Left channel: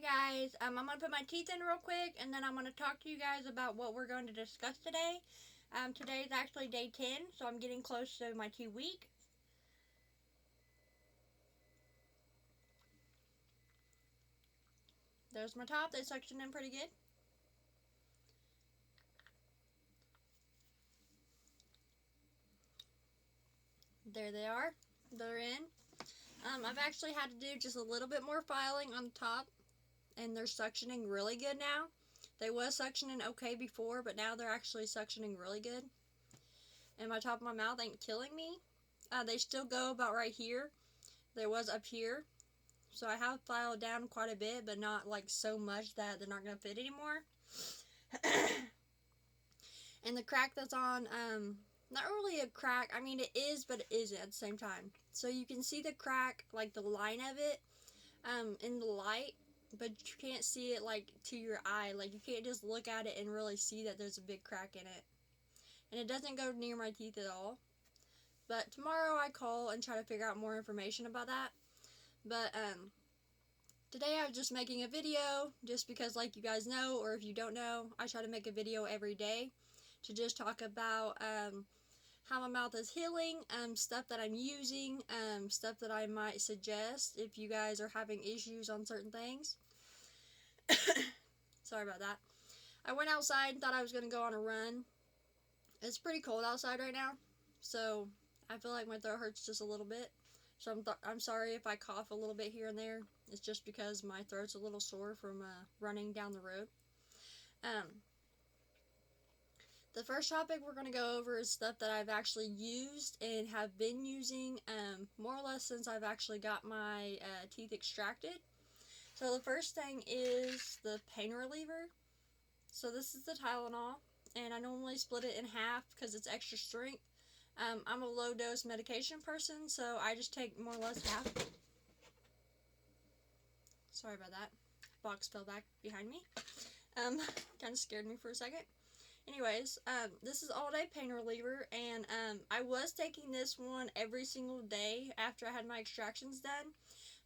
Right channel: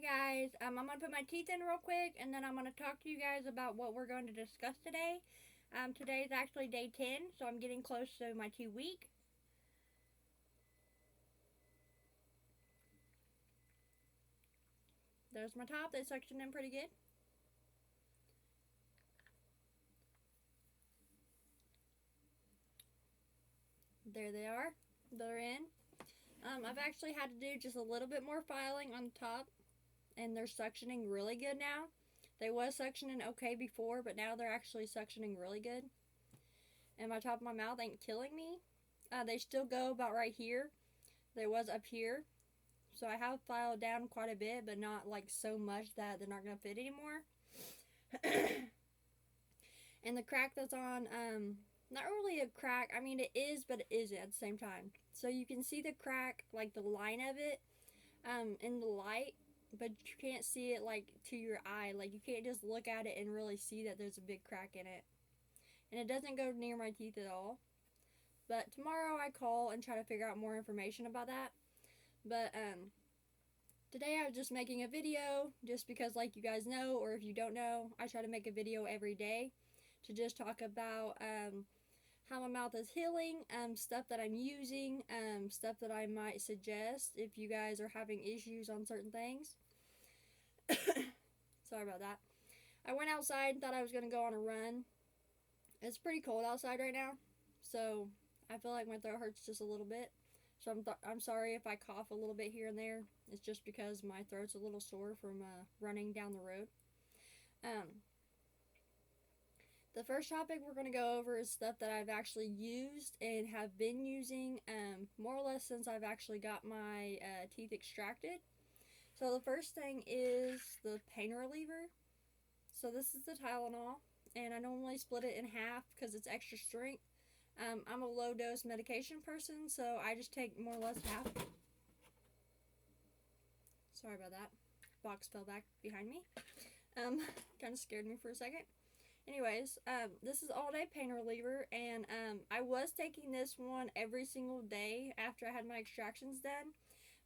guys, I'm going to put my teeth in real quick and then I'm going to talk to you guys about what we're going to discuss today. Today is actually day 10, so I'm getting close to my 2 week. There's my top. They sectioned in pretty good. There they are. They're in. I've actually had to do just a little bit more filing on the top, and they're suctioning really good now. They was suctioning okay before, but now they're actually suctioning really good. And my top of my mouth ain't killing me. They still go about right here. They was up here. So I have filed down quite a bit, but not like so much that they're not going to fit anymore. And the crack that's on, not really a crack. I mean, it is, but it isn't at the same time. So you can see the crack, like the line of it, in the light, but you can't see it like to your eye. Like you can't just look at it and really see that there's a big crack in it. And it doesn't go near my teeth at all. But tomorrow I call and try to figure out more information about that. But today I was just making a video just because, like you guys know, or if you don't know, I try to make a video every day to just talk about how my mouth is healing, stuff that I'm using, stuff that I might suggest if you guys are having issues on certain things. Sorry about that. I went outside, thought I was going to go on a run. It's pretty cold outside right now, so I feel like my throat hurts just a little bit. So I'm sorry if I cough a little bit here and there. It's just because my throat's a little sore from running down the road. The first topic we're going to go over is stuff that I've actually used and have been using more or less since I've actually got my teeth extracted. So the first thing is the pain reliever. So this is the Tylenol, and I normally split it in half because it's extra strength. I'm a low dose medication person, so I just take more or less half. Sorry about that. Box fell back behind me. Kind of scared me for a second. Anyways, this is all day pain reliever, and I was taking this one every single day after I had my extractions done,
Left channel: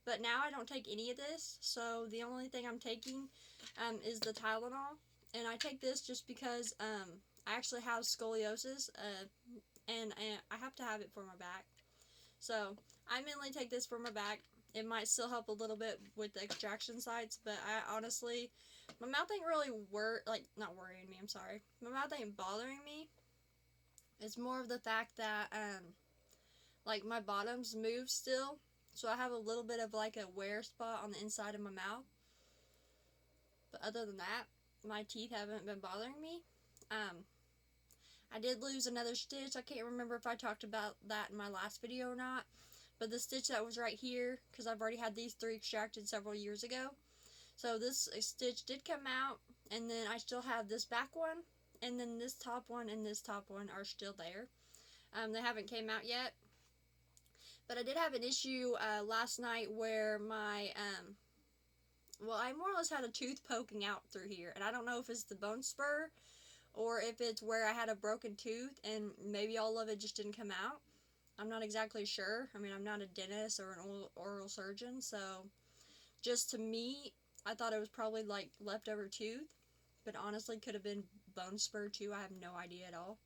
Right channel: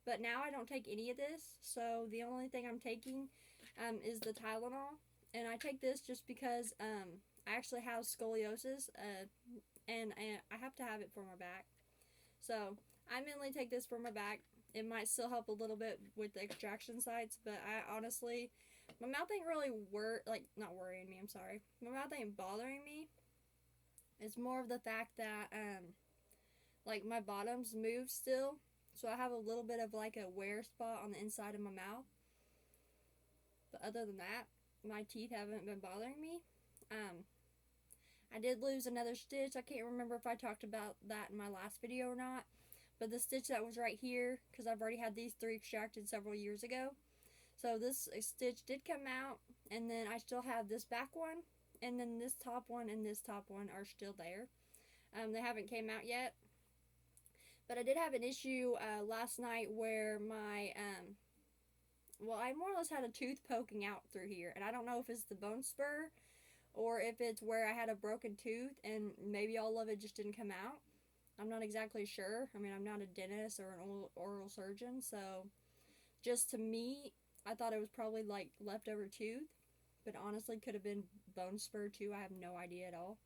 but now I don't take any of this, so the only thing I'm taking is the Tylenol, and I take this just because I actually have scoliosis, and I have to have it for my back. So I mainly take this for my back. It might still help a little bit with the extraction sites, but I honestly, my mouth ain't really not worrying me, I'm sorry. My mouth ain't bothering me. It's more of the fact that like my bottoms move still, so I have a little bit of like a wear spot on the inside of my mouth. But other than that, my teeth haven't been bothering me. I did lose another stitch. I can't remember if I talked about that in my last video or not. But the stitch that was right here, because I've already had these 3 extracted several years ago. So this stitch did come out. And then I still have this back one. And then this top one and this top one are still there. They haven't came out yet. But I did have an issue last night where my... I more or less had a tooth poking out through here. And I don't know if it's the bone spur or if it's where I had a broken tooth and maybe all of it just didn't come out. I'm not exactly sure. I mean, I'm not a dentist or an oral surgeon, so just to me, I thought it was probably like leftover tooth, but honestly could have been bone spur too. I have no idea at all.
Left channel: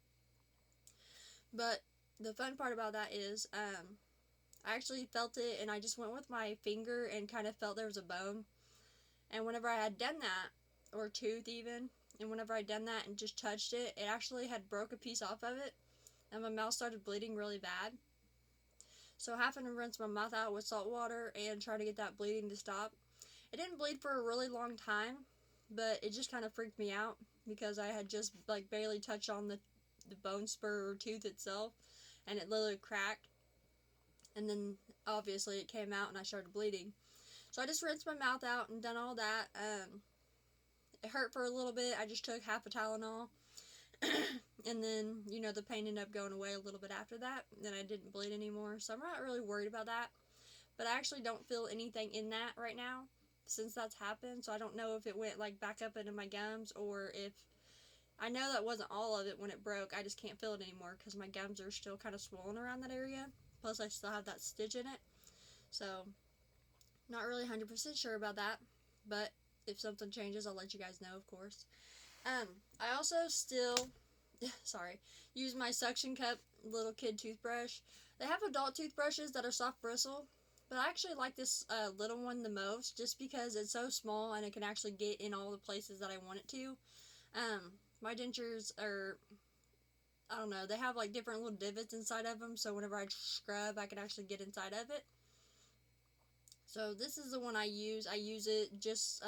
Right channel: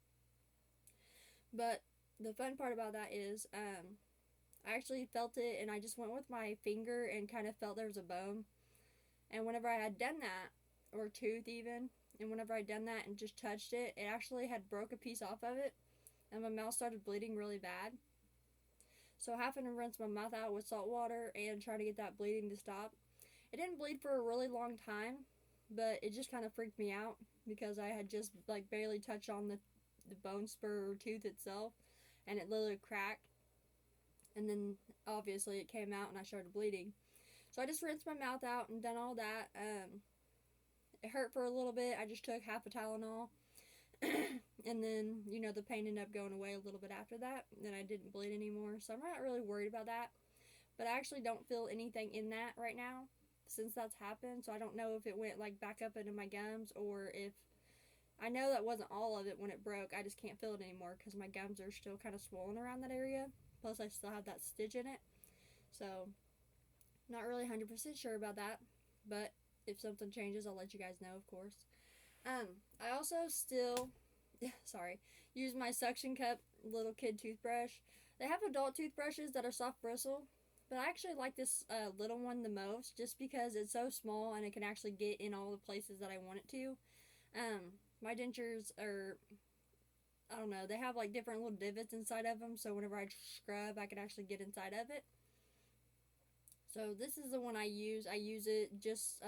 But the fun part about that is I actually felt it, and I just went with my finger and kind of felt there was a bone. And whenever I had done that, or tooth even, and whenever I done that and just touched it, it actually had broke a piece off of it, and my mouth started bleeding really bad. So having to rinse my mouth out with salt water and try to get that bleeding to stop. It didn't bleed for a really long time, but it just kind of freaked me out because I had just like barely touched on the bone spur or tooth itself, and it literally cracked. And then obviously it came out and I started bleeding. So I just rinsed my mouth out and done all that. It hurt for a little bit. I just took half a Tylenol. And then, the pain ended up going away a little bit after that. Then I didn't bleed anymore. So I'm not really worried about that. But I actually don't feel anything in that right now since that's happened. So I don't know if it went like back up into my gums or if... I know that wasn't all of it when it broke. I just can't feel it anymore because my gums are still kind of swollen around that area. Plus I still have that stitch in it. So not really 100% sure about that. but if something changes, I'll let you guys know, of course. I also still, sorry, use my suction cup little kid toothbrush. They have adult toothbrushes that are soft bristle, but I actually like this little one the most, just because it's so small and it can actually get in all the places that I want it to. My dentures are, I don't know, they have like different little divots inside of them, so whenever I scrub, I can actually get inside of it. So this is the one I use. I use it just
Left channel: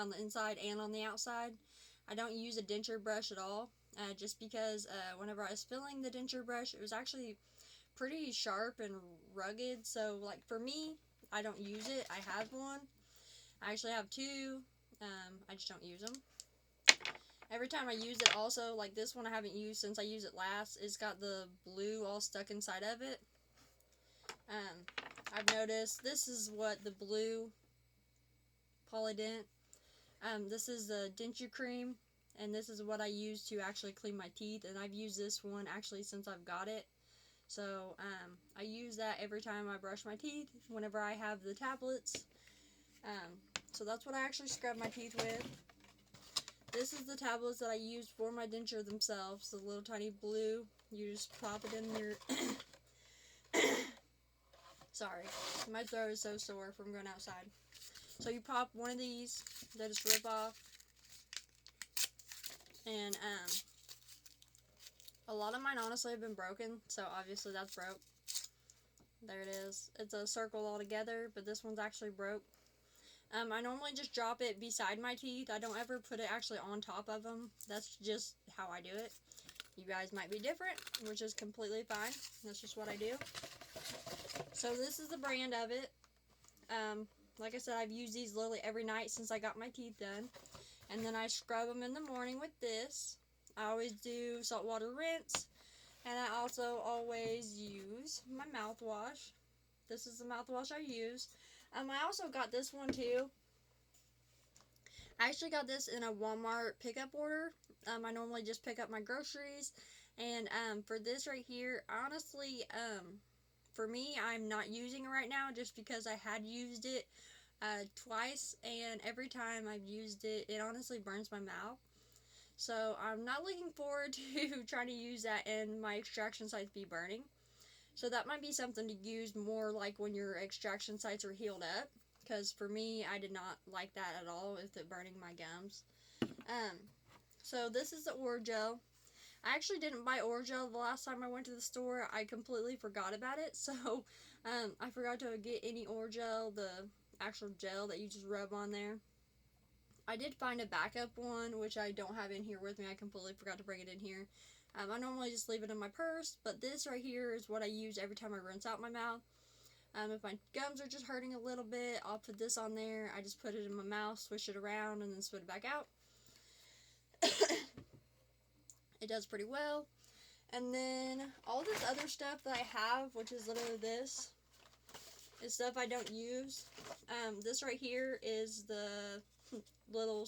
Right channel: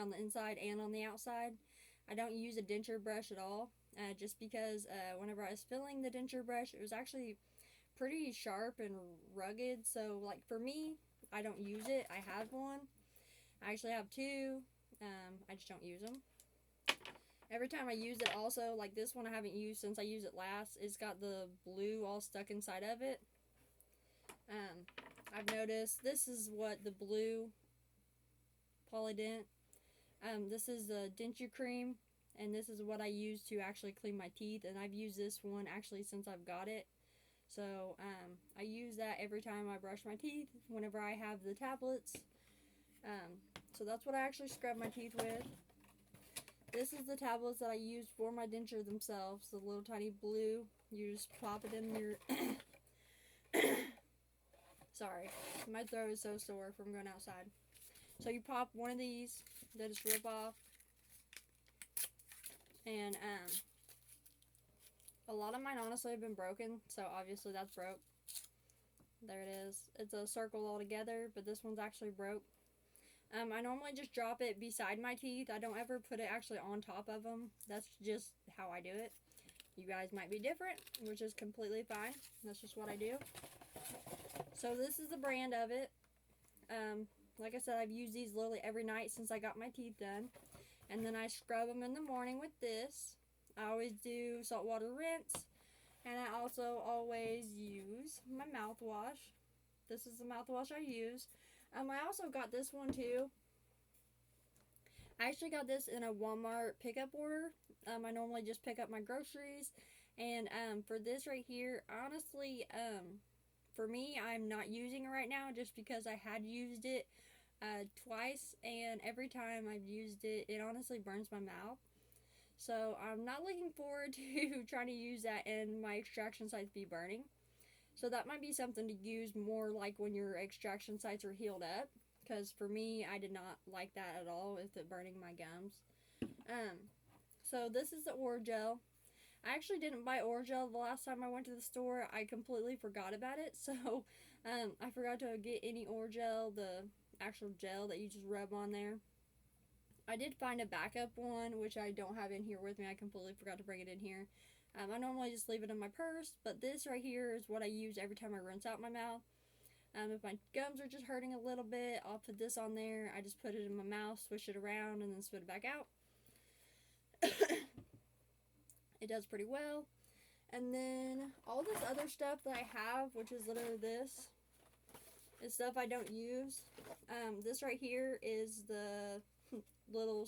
on the inside and on the outside. I don't use a denture brush at all, just because whenever I was filling the denture brush, it was actually pretty sharp and rugged. So like for me, I don't use it. I have one. I actually have two. I just don't use them. Every time I use it also, like this one I haven't used since I used it last, it's got the blue all stuck inside of it. I've noticed this is what the blue Polydent. This is the denture cream, and this is what I use to actually clean my teeth, and I've used this one actually since I've got it. So I use that every time I brush my teeth, whenever I have the tablets. So that's what I actually scrub my teeth with. This is the tablets that I use for my denture themselves, the little tiny blue. You just pop it in your... Sorry, my throat is so sore from going outside. So you pop one of these, they just rip off. And a lot of mine honestly have been broken, so obviously that's broke. There it is. It's a circle all together, but this one's actually broke. I normally just drop it beside my teeth. I don't ever put it actually on top of them. That's just how I do it. You guys might be different, which is completely fine. That's just what I do. So this is the brand of it. Like I said, I've used these literally every night since I got my teeth done. And then I scrub them in the morning with this. I always do saltwater rinse. And I also always use my mouthwash. This is the mouthwash I use. I also got this one too. I actually got this in a Walmart pickup order. I normally just pick up my groceries. And for this right here, honestly, for me, I'm not using it right now just because I had used it twice. And every time I've used it, it honestly burns my mouth. So I'm not looking forward to trying to use that and my extraction sites be burning. So that might be something to use more like when your extraction sites are healed up. Because for me, I did not like that at all with it burning my gums. So this is the Orajel. I actually didn't buy Orajel the last time I went to the store. I completely forgot about it. So I forgot to get any Orajel, the actual gel that you just rub on there. I did find a backup one, which I don't have in here with me. I completely forgot to bring it in here. I normally just leave it in my purse, but this right here is what I use every time I rinse out my mouth. If my gums are just hurting a little bit, I'll put this on there. I just put it in my mouth, swish it around, and then spit it back out. It does pretty well. And then all this other stuff that I have, which is literally this, is stuff I don't use. This right here is the little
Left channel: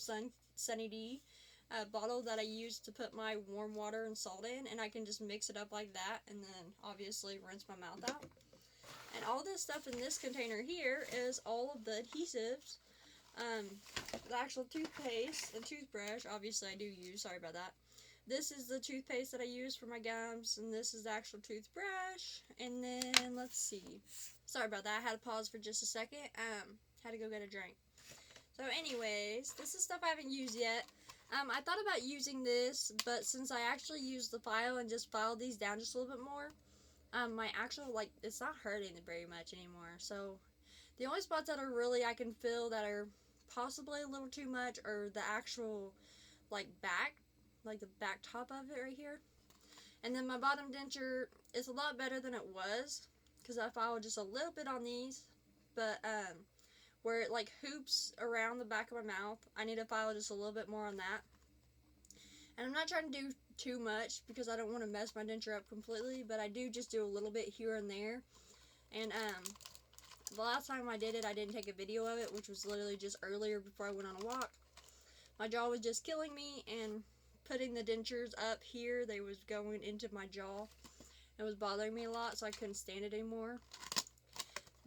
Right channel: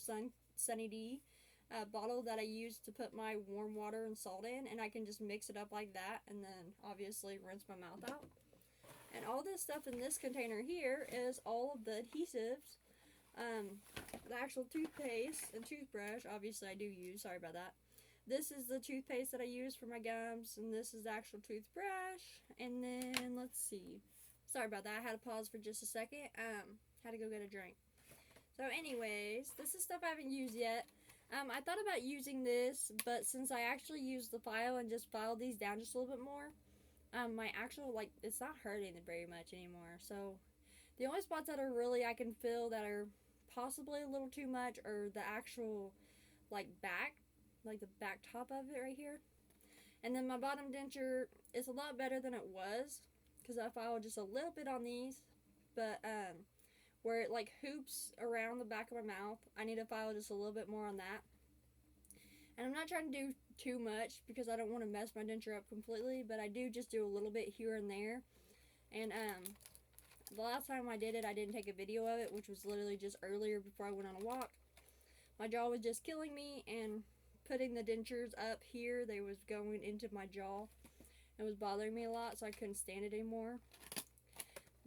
Sunny D bottle that I use to put my warm water and salt in, and I can just mix it up like that and then obviously rinse my mouth out. And all this stuff in this container here is all of the adhesives, the actual toothpaste and toothbrush, obviously I do use, sorry about that. This is the toothpaste that I use for my gums, and this is the actual toothbrush. And then, let's see, sorry about that, I had to pause for just a second, had to go get a drink. So anyways, this is stuff I haven't used yet. I thought about using this, but since I actually used the file and just filed these down just a little bit more, my actual, like, it's not hurting very much anymore. So the only spots that are really I can feel that are possibly a little too much are the actual, like, back, like the back top of it right here. And then my bottom denture is a lot better than it was, because I filed just a little bit on these, but where it like hoops around the back of my mouth, I need to file just a little bit more on that. And I'm not trying to do too much because I don't want to mess my denture up completely, but I do just do a little bit here and there. And the last time I did it, I didn't take a video of it, which was literally just earlier before I went on a walk. My jaw was just killing me, and putting the dentures up here, they was going into my jaw. It was bothering me a lot, so I couldn't stand it anymore.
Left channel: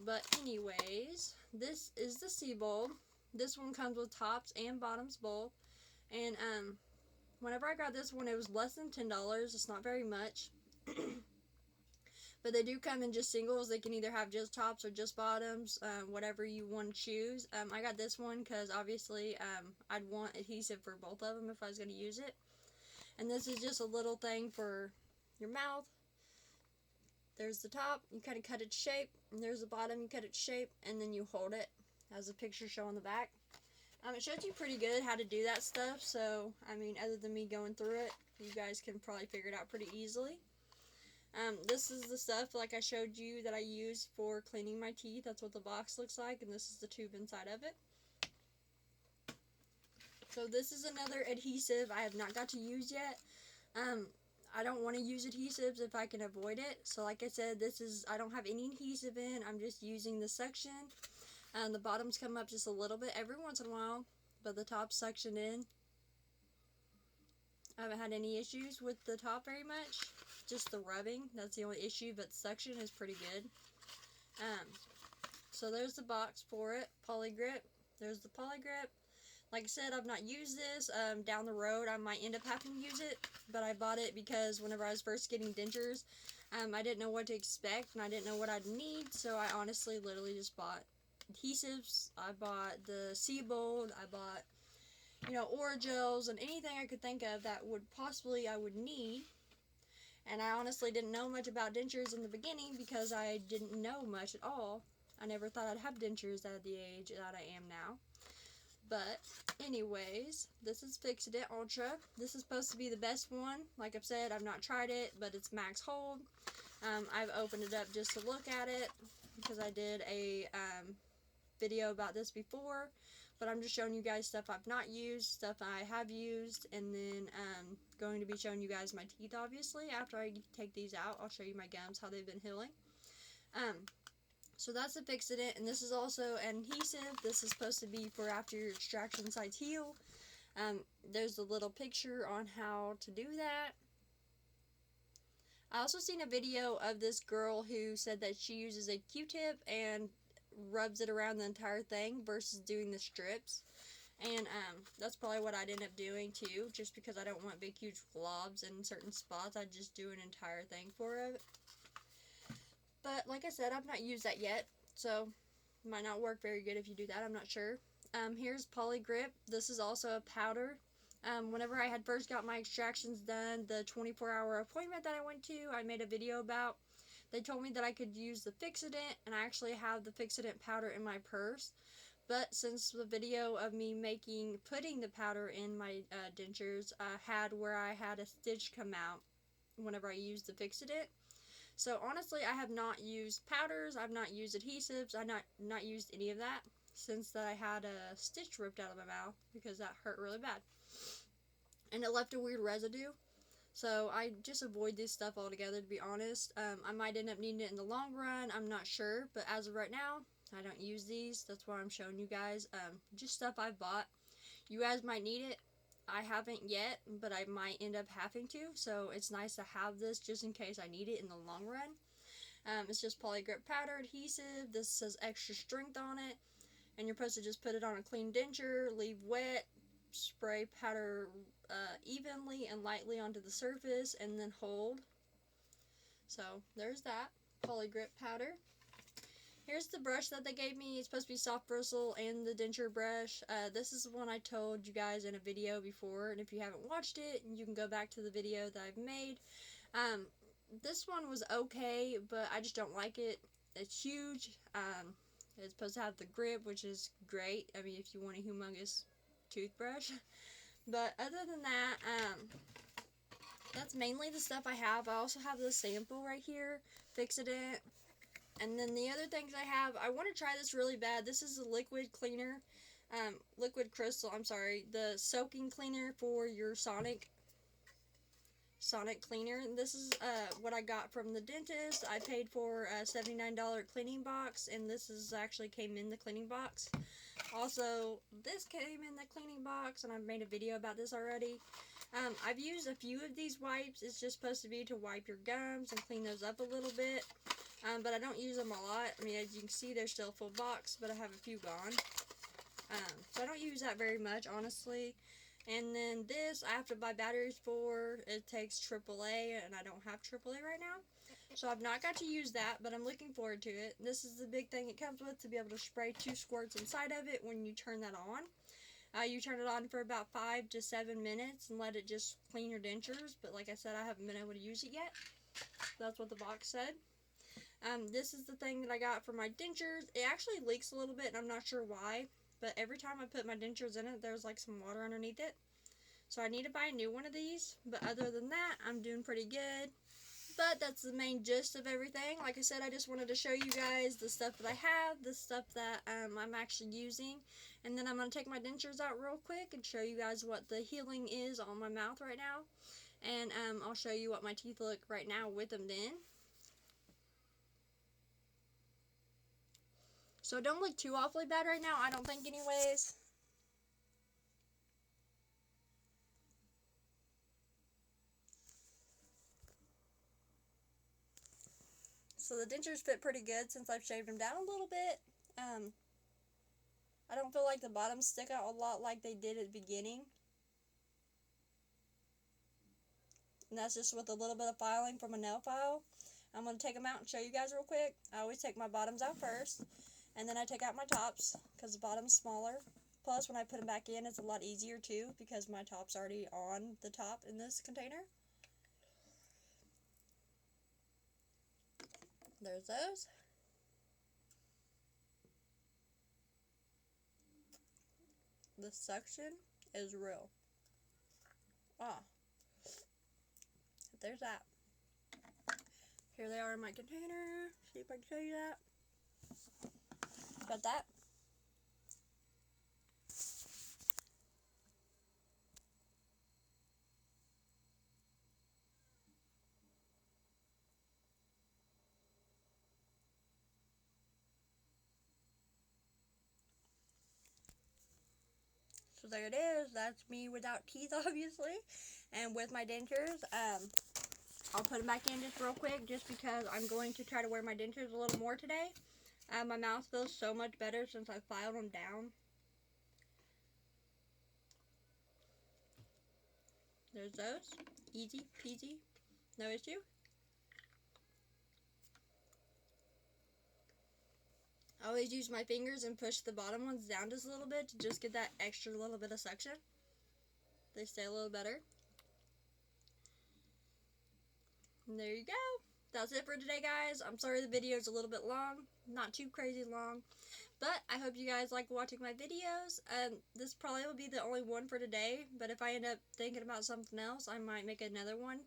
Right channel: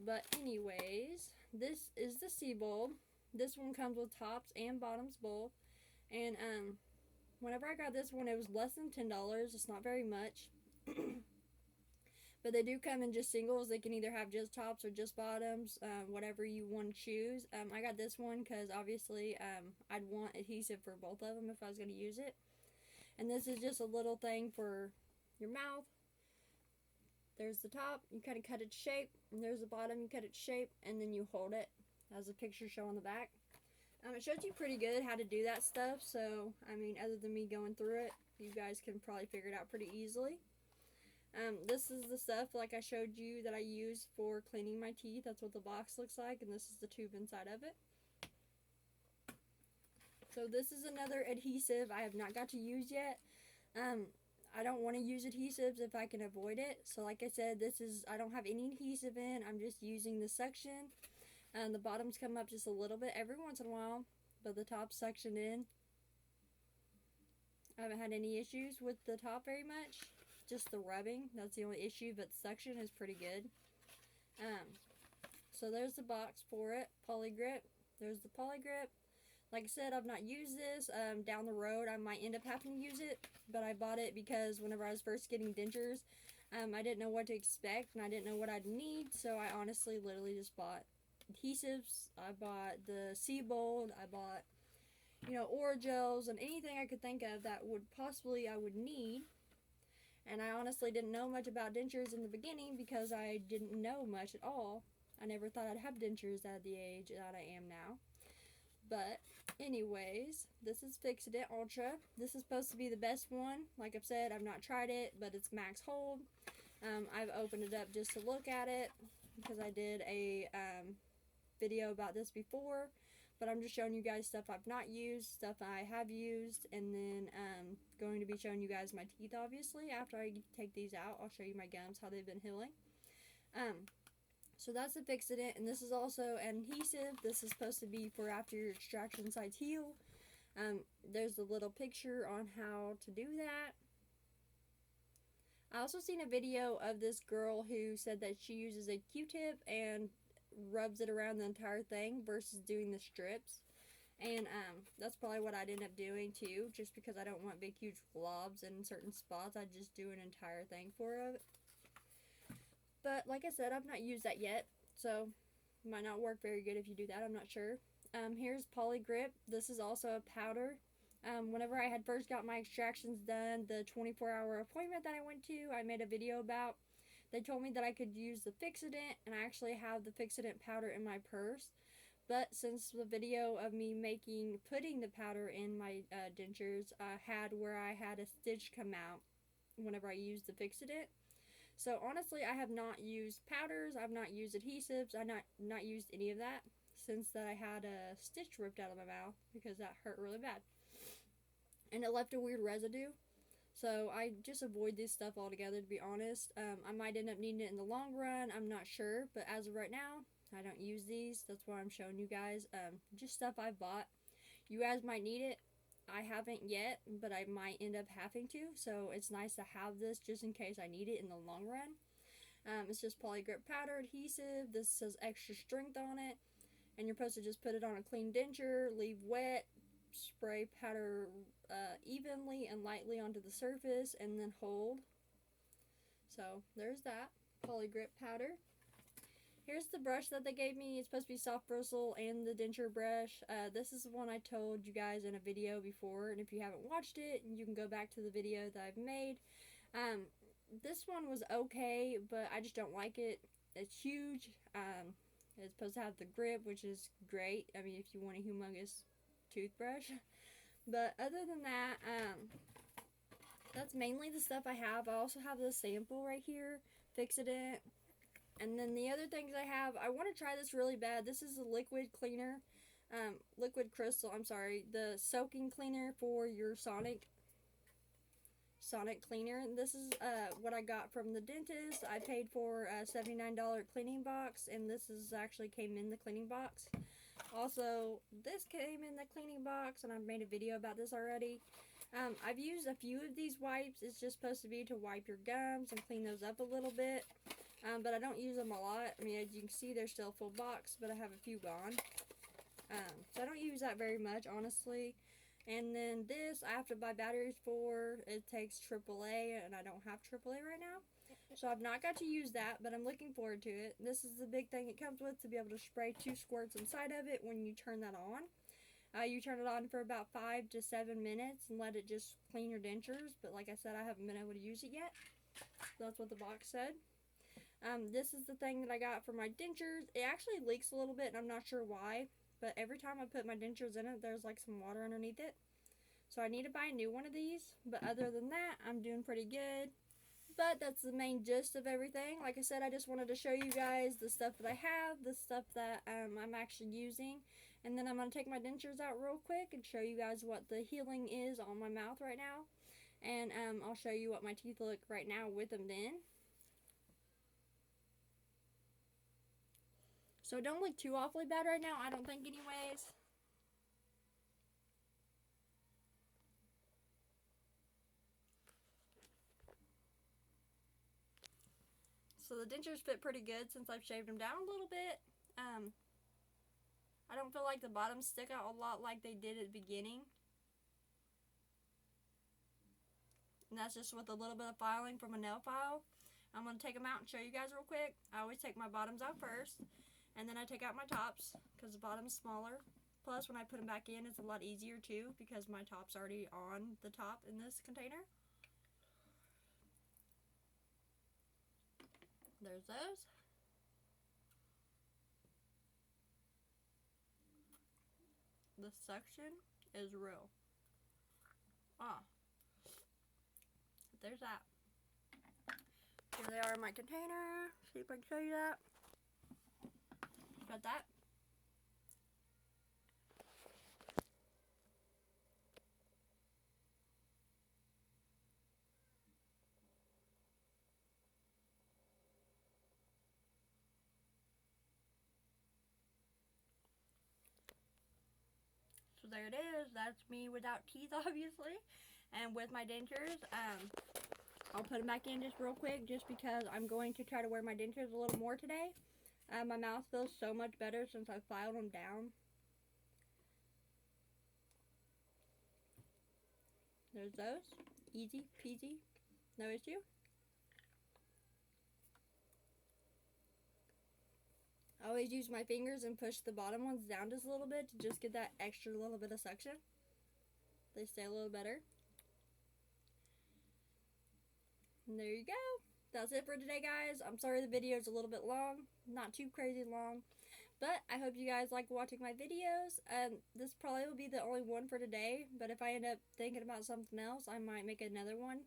But anyways, this is the C-bulb. This one comes with tops and bottoms both. And whenever I got this one, it was less than $10. It's not very much. But they do come in just singles. They can either have just tops or just bottoms, whatever you want to choose. I got this one because obviously I'd want adhesive for both of them if I was going to use it. And this is just a little thing for your mouth. There's the top, you kind of cut its shape, and there's the bottom, you cut its shape, and then you hold it, as the picture show on the back. It shows you pretty good how to do that stuff, so, I mean, other than me going through it, you guys can probably figure it out pretty easily. This is the stuff, like I showed you, that I use for cleaning my teeth. That's what the box looks like, and this is the tube inside of it. So this is another adhesive I have not got to use yet. I don't want to use adhesives if I can avoid it. So like I said, I don't have any adhesive in. I'm just using the suction. The bottoms come up just a little bit every once in a while, but the top's suctioned in. I haven't had any issues with the top very much. Just the rubbing, that's the only issue, but suction is pretty good. So there's the box for it, Polygrip. There's the Polygrip. Like I said, I've not used this. Down the road, I might end up having to use it, but I bought it because whenever I was first getting dentures, I didn't know what to expect, and I didn't know what I'd need, so I honestly literally just bought adhesives. I bought the Seabold. I bought, Orajels, and anything I could think of that I would need. And I honestly didn't know much about dentures in the beginning because I didn't know much at all. I never thought I'd have dentures at the age that I am now. But anyways, this is Fix-It Ultra. This is supposed to be the best one. Like I've said, I've not tried it, but it's max hold. I've opened it up just to look at it because I did a video about this before. But I'm just showing you guys stuff I've not used, stuff I have used, and then going to be showing you guys my teeth, obviously. After I take these out, I'll show you my gums, how they've been healing. So that's the Fix-It, and this is also an adhesive. This is supposed to be for after your extraction sites heal. There's a little picture on how to do that. I also seen a video of this girl who said that she uses a Q-tip and rubs it around the entire thing versus doing the strips. And that's probably what I'd end up doing too, just because I don't want big huge globs in certain spots. I'd just do an entire thing for it. But like I said, I've not used that yet, so it might not work very good if you do that. I'm not sure. Here's Polygrip. This is also a powder. Whenever I had first got my extractions done, the 24-hour appointment that I went to, I made a video about. They told me that I could use the Fix-It, and I actually have the Fix-It powder in my purse. But since the video of me putting the powder in my dentures, had where I had a stitch come out whenever I used the Fix-It. So honestly, I have not used powders, I've not used adhesives, I've not used any of that since that I had a stitch ripped out of my mouth because that hurt really bad. And it left a weird residue. So I just avoid this stuff altogether, to be honest. I might end up needing it in the long run, I'm not sure. But as of right now, I don't use these. That's why I'm showing you guys. Just stuff I've bought. You guys might need it. I haven't yet, but I might end up having to. So it's nice to have this just in case I need it in the long run. It's just Polygrip powder adhesive. This says extra strength on it. And you're supposed to just put it on a clean denture, leave wet, spray powder evenly and lightly onto the surface, and then hold. So there's that Polygrip powder. Here's the brush that they gave me. It's supposed to be soft bristle and the denture brush. This is the one I told you guys in a video before, and if you haven't watched it, you can go back to the video that I've made. This one was okay, but I just don't like it. It's huge. It's supposed to have the grip, which is great. I mean, if you want a humongous toothbrush. But other than that, that's mainly the stuff I have. I also have the sample right here, Fix-It. And then the other things I have, I want to try this really bad. This is a liquid cleaner, liquid crystal, the soaking cleaner for your Sonic cleaner. And this is what I got from the dentist. I paid for a $79 cleaning box, and this actually came in the cleaning box. Also, this came in the cleaning box, and I've made a video about this already. I've used a few of these wipes. It's just supposed to be to wipe your gums and clean those up a little bit. But I don't use them a lot. I mean, as you can see, they're still full box, but I have a few gone. So I don't use that very much, honestly. And then this, I have to buy batteries for. It takes AAA, and I don't have AAA right now. So I've not got to use that, but I'm looking forward to it. This is the big thing it comes with, to be able to spray 2 squirts inside of it when you turn that on. You turn it on for about 5 to 7 minutes and let it just clean your dentures. But like I said, I haven't been able to use it yet. That's what the box said. This is the thing that I got for my dentures. It actually leaks a little bit, and I'm not sure why. But every time I put my dentures in it, there's like some water underneath it. So I need to buy a new one of these. But other than that, I'm doing pretty good. But that's the main gist of everything. Like I said, I just wanted to show you guys the stuff that I have, the stuff that I'm actually using. And then I'm going to take my dentures out real quick and show you guys what the healing is on my mouth right now. And I'll show you what my teeth look right now with them then. So don't look too awfully bad right now, I don't think anyways. So the dentures fit pretty good since I've shaved them down a little bit. I don't feel like the bottoms stick out a lot like they did at the beginning. And that's just with a little bit of filing from a nail file. I'm going to take them out and show you guys real quick. I always take my bottoms out first, and then I take out my tops because the bottom's smaller. Plus, when I put them back in, it's a lot easier too because my top's already on the top in this container. There's those. The suction is real. There's that. Here they are in my container. See if I can show you that. Got that. So there it is. That's me without teeth, obviously. And with my dentures, I'll put them back in just real quick just because I'm going to try to wear my dentures a little more today. My mouth feels so much better since I filed them down. There's those. Easy peasy. No issue. I always use my fingers and push the bottom ones down just a little bit to just get that extra little bit of suction. They stay a little better. And there you go. That's it for today, guys. I'm sorry the video is a little bit long. Not too crazy long. But I hope you guys like watching my videos. This probably will be the only one for today. But if I end up thinking about something else, I might make another one.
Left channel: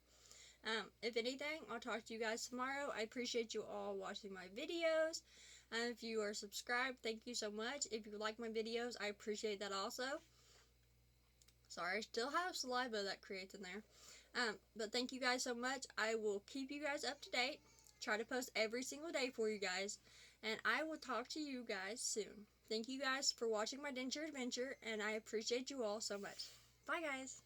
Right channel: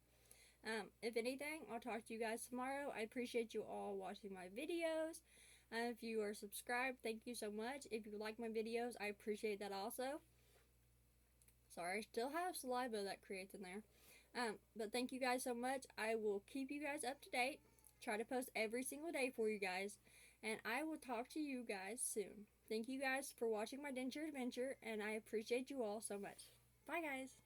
If anything, I'll talk to you guys tomorrow. I appreciate you all watching my videos. If you are subscribed, thank you so much. If you like my videos, I appreciate that also. Sorry, I still have saliva that creates in there. But thank you guys so much. I will keep you guys up to date. Try to post every single day for you guys. And I will talk to you guys soon. Thank you guys for watching my denture adventure. And I appreciate you all so much. Bye, guys.